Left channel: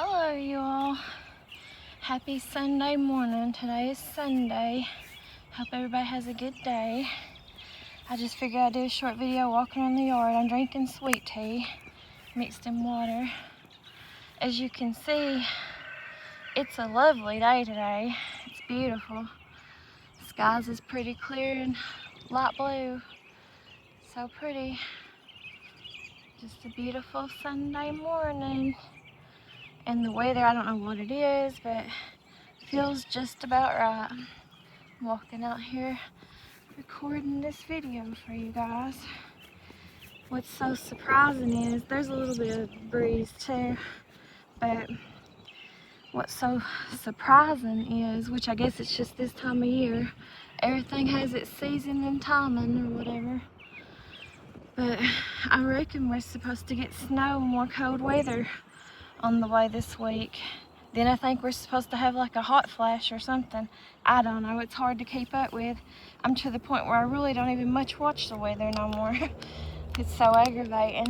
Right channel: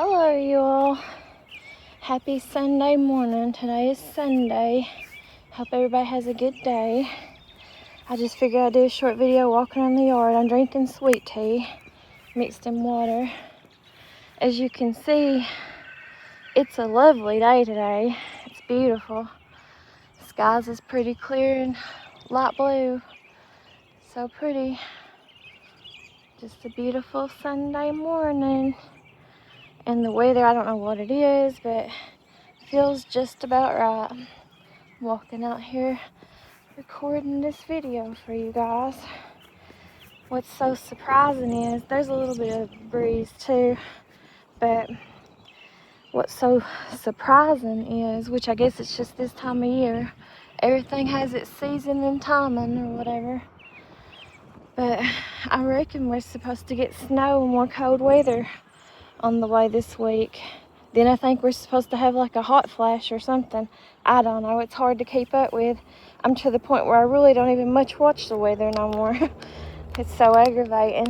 Hello, you all. Happy Sunday morning. Today is Sunday. Hope everybody has a good day. I just figured I'd do a short video walking around the yard. I'm drinking sweet tea mixed in water. As you can see, it's a lovely day today. It's beautiful. The skies is pretty clear and light blue. So pretty. Just a beautiful Sunday morning. And the weather, I don't know what it is, but feels just about right. I'm walking out here recording this video for you guys. What's so surprising is there's a little bit of breeze too, but what's so surprising is, which I guess it's just this time of year, everything has its season and timing or whatever, but I reckon we're supposed to get snow and more cold weather on the way this week. Then I think we're supposed to have like a hot flash or something. I don't know, it's hard to keep up with. I'm to the point where I really don't even much watch the weather no more. It's so aggravating.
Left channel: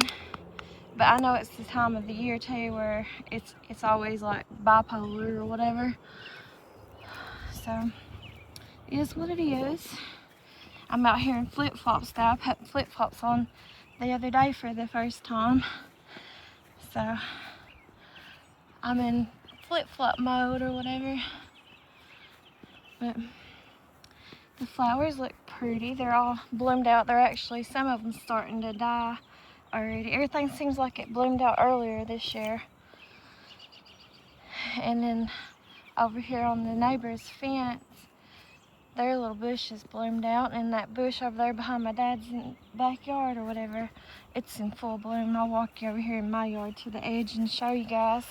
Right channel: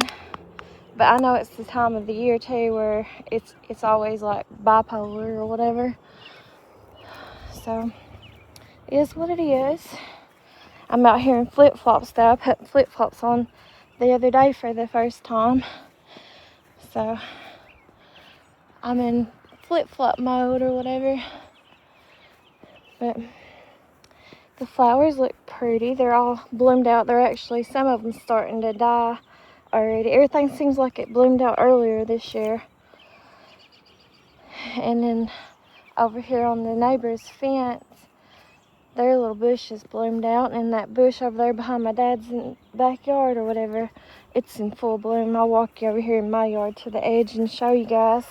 But I know it's the time of the year too where it's always like bipolar or whatever. So it is what it is. I'm out here in flip-flops though. I put flip-flops on the other day for the first time. So I'm in flip-flop mode or whatever. But the flowers look pretty. They're all bloomed out. They're actually, some of them starting to die already. Everything seems like it bloomed out earlier this year. And then over here on the neighbor's fence, their little bushes bloomed out. And that bush over there behind my dad's backyard or whatever, it's in full bloom. I'll walk you over here in my yard to the edge and show you guys.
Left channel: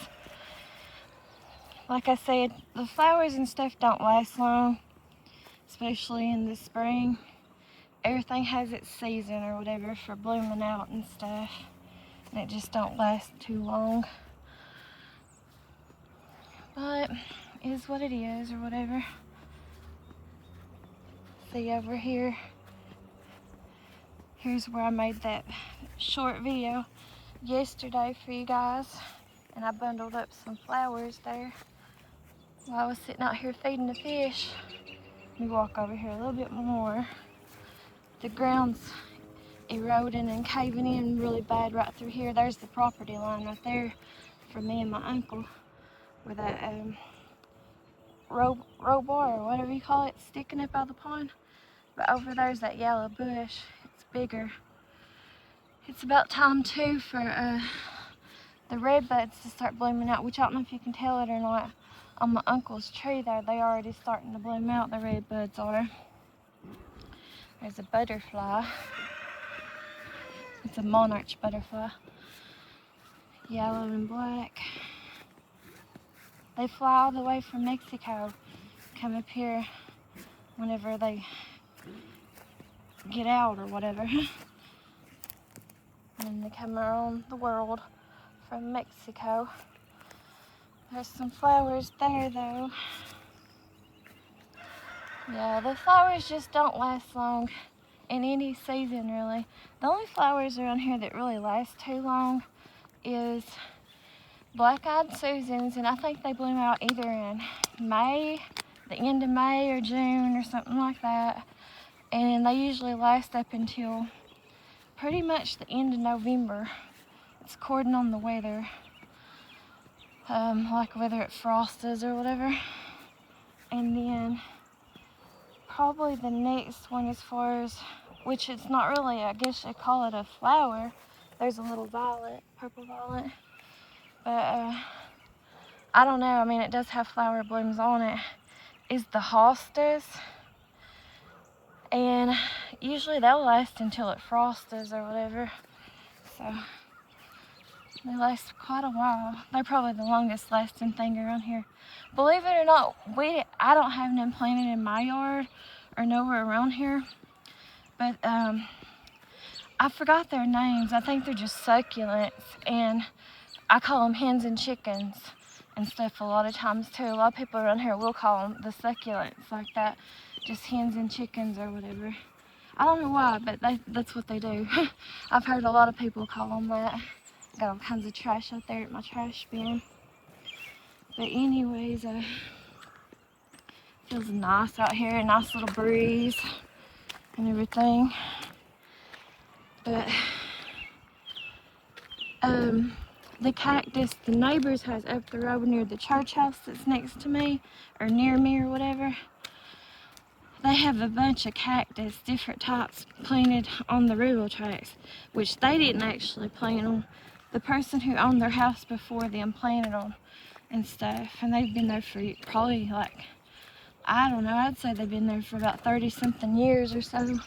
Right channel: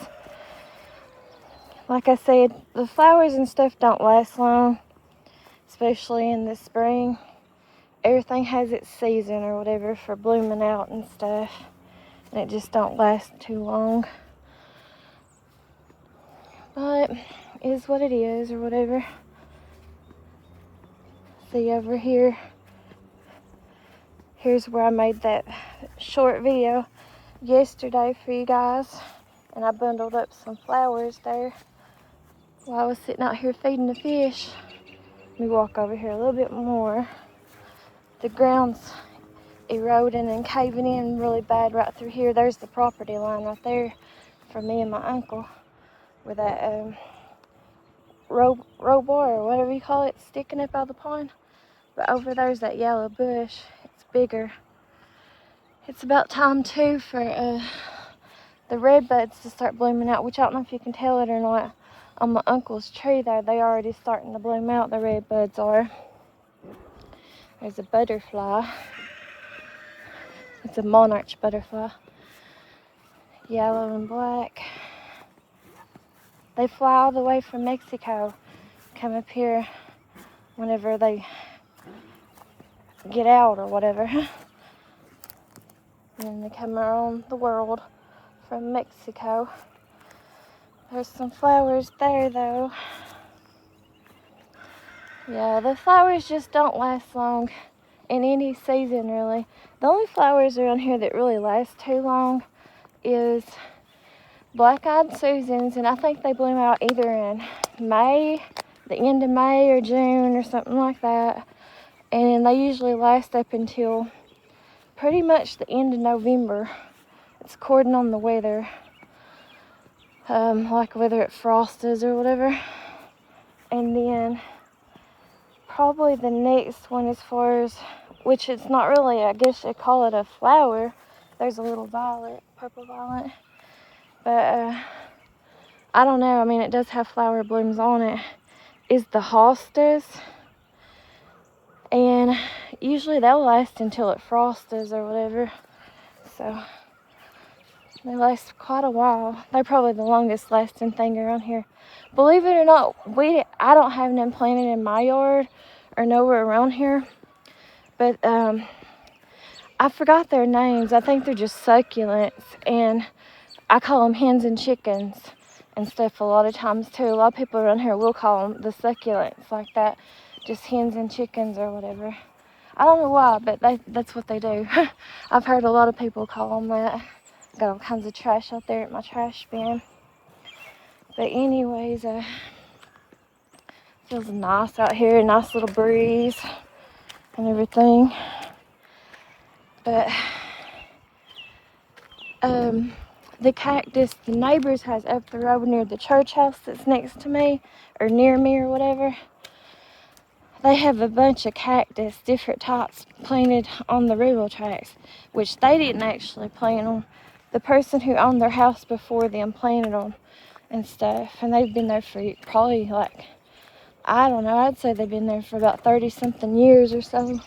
Like I said, the flowers and stuff don't last long, especially in the spring. Everything has its season or whatever for blooming out and stuff, and it just don't last too long. But it is what it is or whatever. See over here, here's where I made that short video yesterday for you guys, and I bundled up some flowers there while I was sitting out here feeding the fish. Let me walk over here a little bit more. The ground's eroding and caving in really bad right through here. There's the property line right there for me and my uncle, where that row bar or whatever you call it sticking up out of the pond. But over there's that yellow bush. It's bigger. It's about time too for the red buds to start blooming out, which I don't know if you can tell it or not. On my uncle's tree though, they already starting to bloom out, the red buds are. There's a butterfly. It's a monarch butterfly. Yellow and black. They fly all the way from Mexico, come up here whenever they get out or whatever. And they come around the world from Mexico. There's some flowers there though. Yeah, the flowers just don't last long in any season really. The only flowers around here that really last too long is black-eyed Susans, and I think they bloom out either in May, the end of May or June or something like that. And they usually last up until pretty much the end of November. It's according on the weather. Like whether it frosts or whatever. And then probably the next one, as far as, which it's not really, I guess they call it a flower. There's a little violet, purple violet. But I don't know, I mean it does have flower blooms on it, is the hostas. And usually they'll last until it frosts or whatever. So they last quite a while. They're probably the longest lasting thing around here. Believe it or not, I don't have them planted in my yard or nowhere around here. But I forgot their names. I think they're just succulents, and I call them hens and chickens and stuff a lot of times too. A lot of people around here will call them the succulents like that. Just hens and chickens or whatever. I don't know why, but that's what they do. I've heard a lot of people call them that. Got all kinds of trash out there at my trash bin. But anyways, feels nice out here, nice little breeze and everything. But the cactus the neighbors has up the road near the church house that's next to me, or near me or whatever, they have a bunch of cactus, different types, planted on the railroad tracks, which they didn't actually plant them. The person who owned their house before them planted them and stuff, and they've been there for probably, like, I don't know, I'd say they've been there for about 30 something years or so.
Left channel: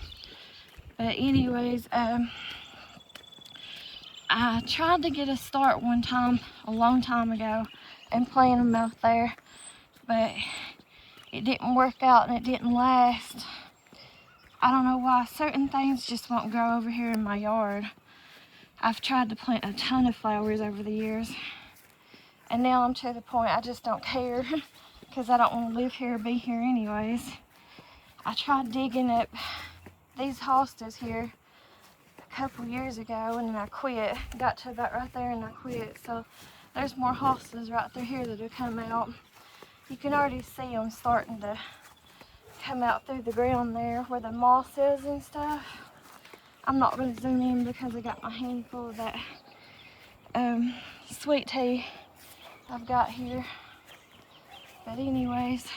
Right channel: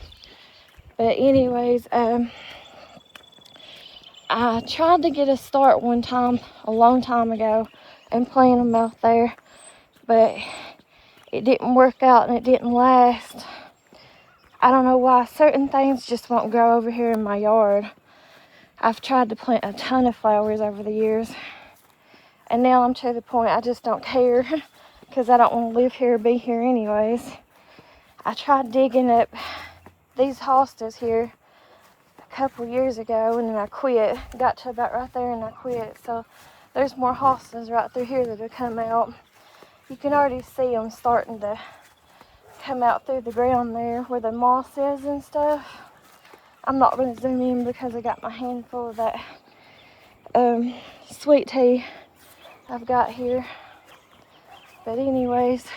But anyways, I tried to get a start one time, a long time ago, and plant them out there, but it didn't work out and it didn't last. I don't know why. Certain things just won't grow over here in my yard. I've tried to plant a ton of flowers over the years, and now I'm to the point I just don't care, because I don't want to live here or be here anyways. I tried digging up these hostas here a couple years ago, and then I quit. Got to about right there and I quit. So there's more hostas right through here that have come out. You can already see them starting to come out through the ground there where the moss is and stuff. I'm not going to zoom in because I got my hand full of that sweet tea I've got here. But anyways,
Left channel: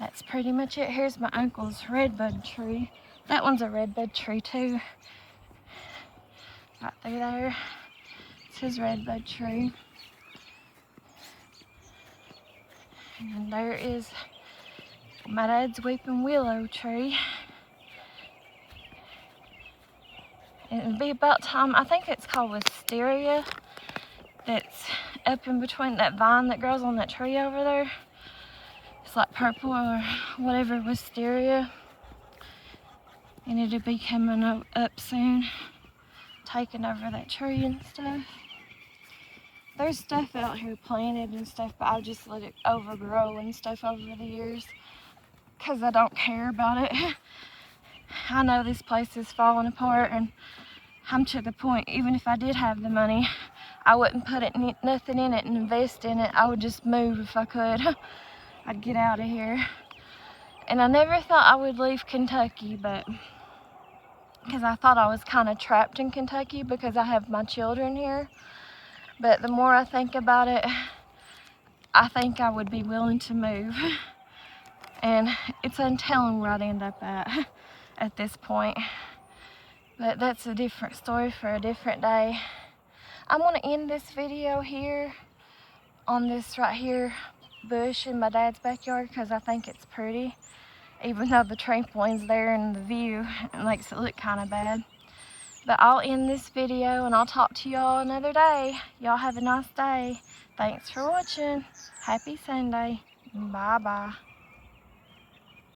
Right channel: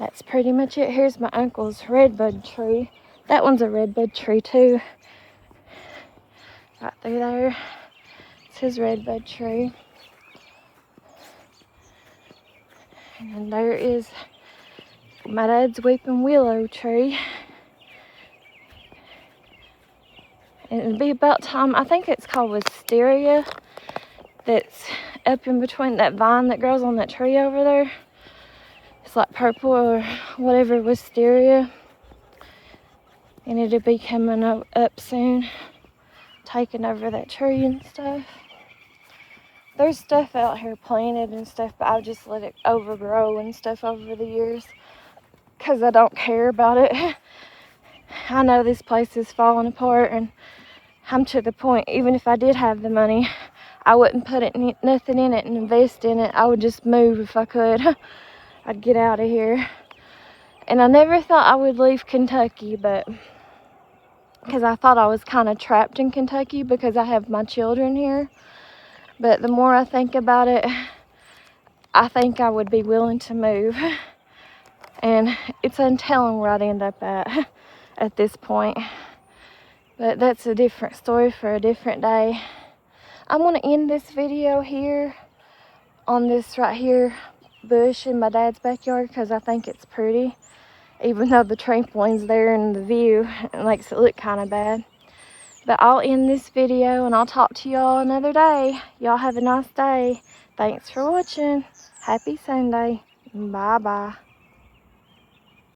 that's pretty much it. Here's my uncle's redbud tree. That one's a redbud tree too. Right through there. It's his redbud tree. And there is my dad's weeping willow tree. And it'll be about time, I think it's called wisteria, that's up in between that vine that grows on that tree over there. It's like purple or whatever, wisteria. And it'll be coming up soon, taking over that tree and stuff. There's stuff out here planted and stuff, but I'll just let it overgrow and stuff over the years, because I don't care about it. I know this place is falling apart, and I'm to the point, even if I did have the money, I wouldn't put nothing in it and invest in it. I would just move if I could. I'd get out of here. And I never thought I would leave Kentucky, but because I thought I was kind of trapped in Kentucky because I have my children here. But the more I think about it, I think I would be willing to move. And it's untelling where I'd end up at this point. But that's a different story for a different day. I'm going to end this video here on this right here bush in my dad's backyard, because I think it's pretty. Even though the trampoline's there and the view, it makes it look kind of bad. But I'll end this video and I'll talk to y'all another day. Y'all have a nice day. Thanks for watching. Happy Sunday. Bye-bye.